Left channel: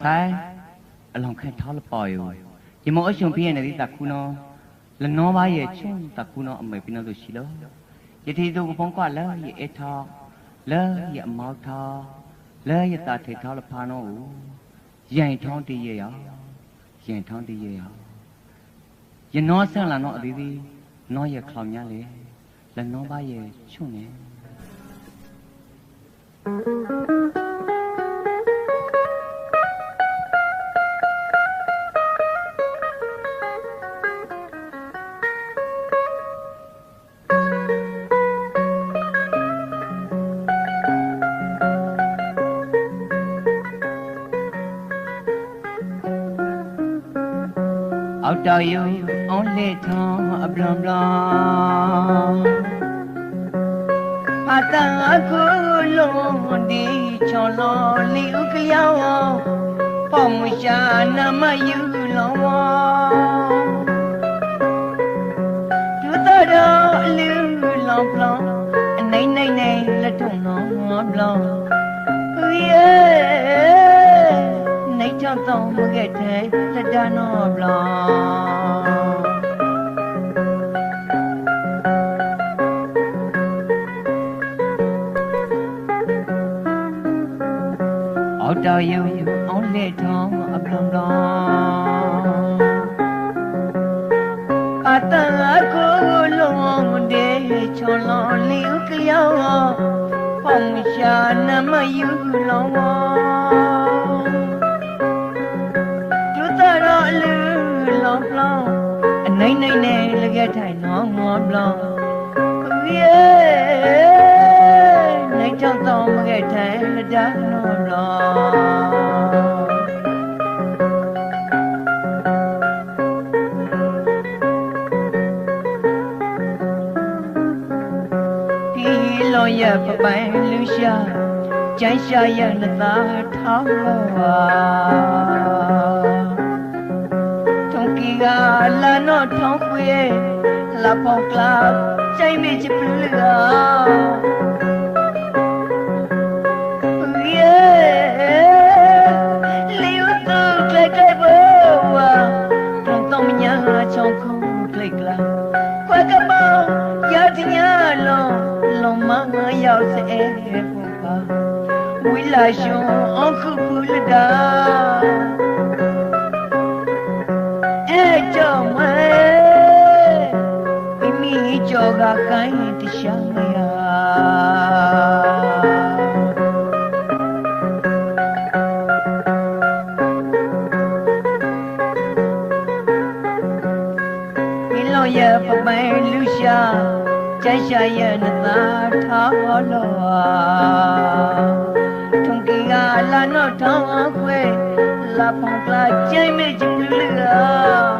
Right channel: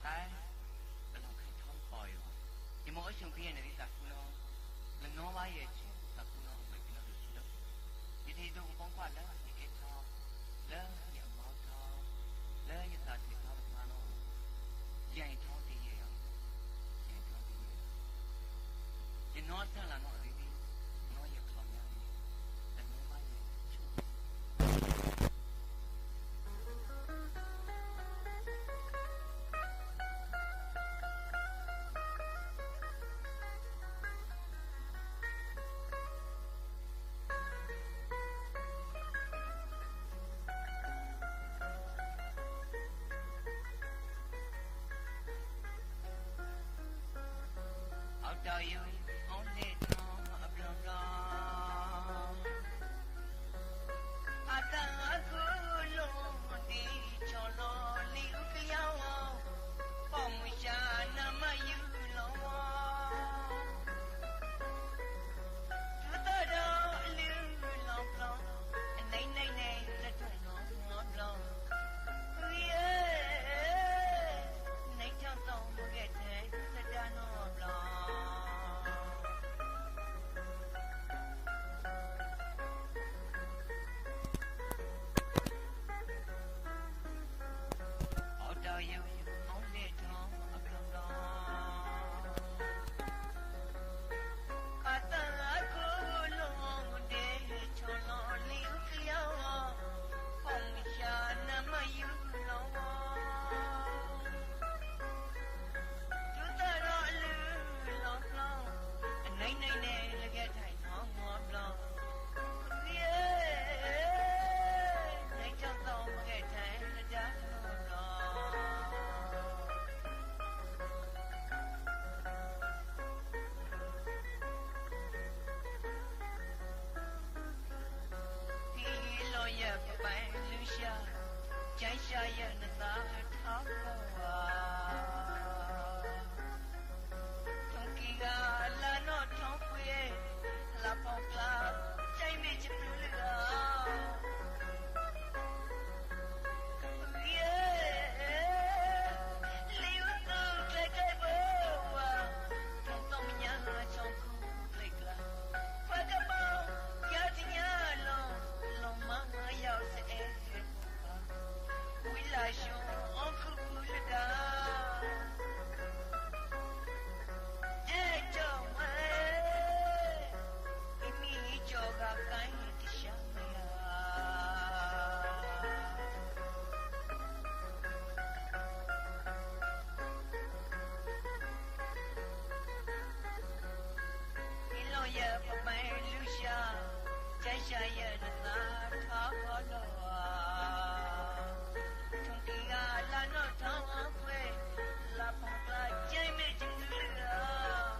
ဖိုင်အလောင်းခဲထောက်လပေါ်ယူဒီမောအရှင်ပြည့်နေတဲ့တခုနောလနောပါရဲ့ချုံတခုနောအမေပြနလို့ရှိလို့ယတိသူကဖုံးကွာလဲရဲ့အထောက်လဲရဲ့အမောက်ထောက်လဲရဲ့တာထေထောက်လဖာနောကိုရိုင်ထောင်းတည်ရဲ့ရရိုင်ထောင်းတည်ရဲ့ရယနောဆန့်လာနောအသေးသေးနောရဲ့ခေါင်ညာလေလနောပါရဲ့ချုံနေ Thank you. လံဖတ်တန်အခုလုံးဒီချော်လောလီဥကလျောင်းပေါမရှာနမယူလောဒုတတော်အလူလောင်ပလောင်အနိုင်နိုင်နိုင်လက်ထုံလောပလောင်ရဲ့နိုင်ချောင်းတော့မခဲ့တဲ့ လက်တနောဘလောင်အောက်တော်ယူအောင်လက်ထောင်းအပလံလောင်အတန်ကိုလုံး လောင်းလောင်းအနိုင်နိုင်နဲ့လကထိုင်နောင်းငေါဘလောင်းရေနိုင်ချောင်းတော့မခဲ့ထိုင်လက်တနောဘလောင်းဒီလောရပပိုင်လူရှာကျန်းရှာရနသာထောင်းလောပါ တာလာတော့ထောင်းခွေလာပေါကလာချိန်မချပလူလာရောက်စေဖို့ပါဝိလာရှင်အခုပူလတာ ကြောကကိုင်းတရှာမရမိလောရပပိုင်လူရှာကျန်ရှာရနသာထားလောထုံကီကလာနောထောင်းခွဲလာဖောင်ကလာကျိုင်းမဲ့ကျူလူလာ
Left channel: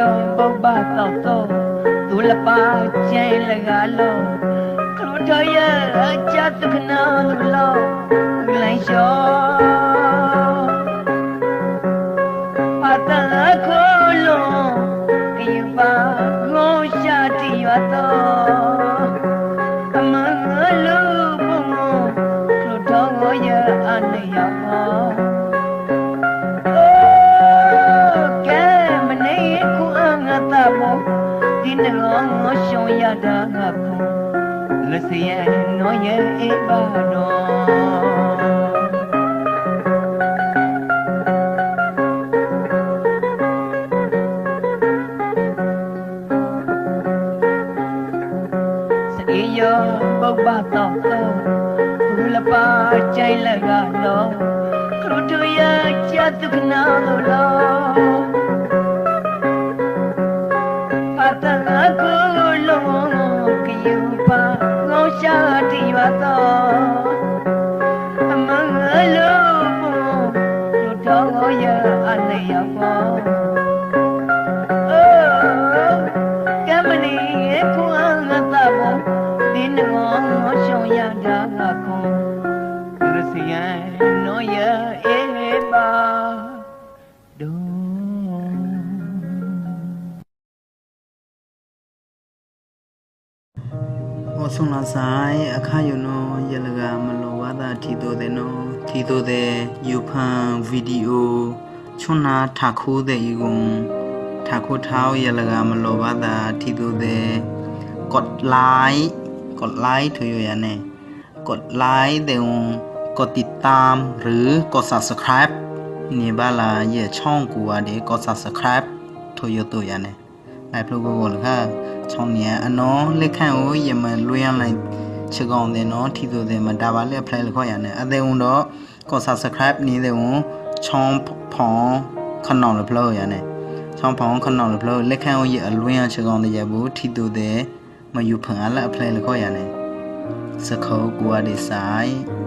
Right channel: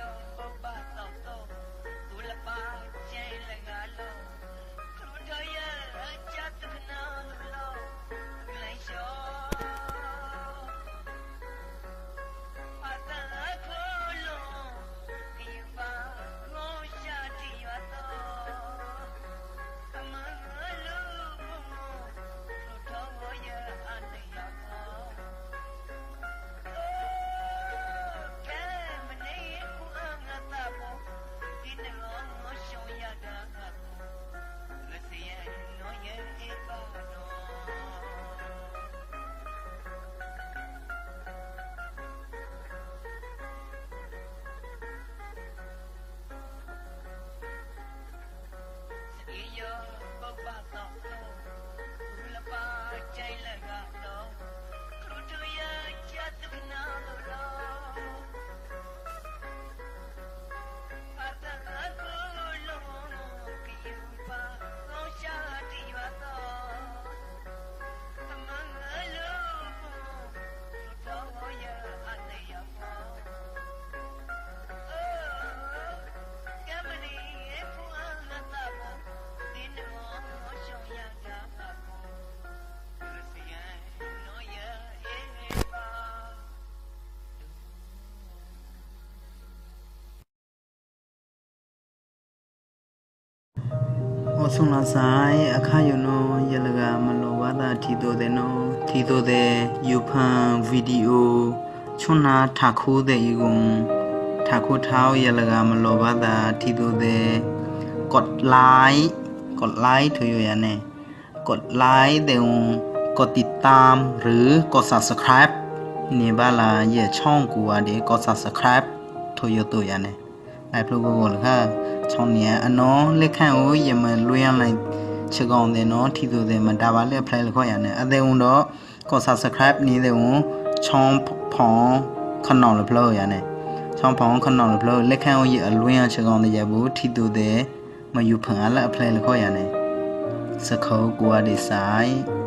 ယောပုပ္ပသောတောသူလပါကျိုင်လကလောခလုထယအချတ်ခနာလူလောလိုင်းလျှောပတန်ခိုလုံးကယူပါဂုံရှာတိရသောအမန်လူပုံခလုထောယအနေယော Hüseyin oye ibadon Seiyo bogbato to Ulapa chai lagalo Krutuya chatukna dolo Patanaku lomo kiyu pa ရှာတိရသောအမင်္ဂလောဘုတော်ရအလျောပေါ် ဆုံလာဆိုင်အခါယနောယလကမလောဝတာထီတိုတဲ့နောထီတိုတဲ့ယူဖန်ဗီဒီယိုချွန်းနာထခိုးတဲ့ဤကုံထခိုးထောင်းယလကမလောဝတာထီတိုတဲ့กดไลค์กดไลค์เธออยู่ยังไงกดไลค์เดี๋ยวกดติดตามหรือกด subscribe นี่บ้าละเย่ช่องกูอ่ะเดี๋ยวกด subscribe เธออยู่ตัวยังไง လိုက်ဖလို့ကိုကိုလခချောင်းနေအနော်လက်ခန့်ကိုယမလွေးရလိုက်ချေကောင်တဲ့နော်ထီဆိုတဲ့မဒါပါလက်ဖလိုက်လခေါ်ရနေအသေးုံတော့ကို subscribe နေတဲ့ဝန်ချောင်းဖောင်းခနောင်လဖလို့ရနေချောင်းဖောင်းခနောင်လဖလို့လက်ခန့်ကိုယအလွေးရချေကောင်တဲ့ရဘူးထီဆိုတဲ့မယူဖန်အလက်အဖလိုက်လခေါ်ရနေစခေါ်ကိုအဒီဆိုင်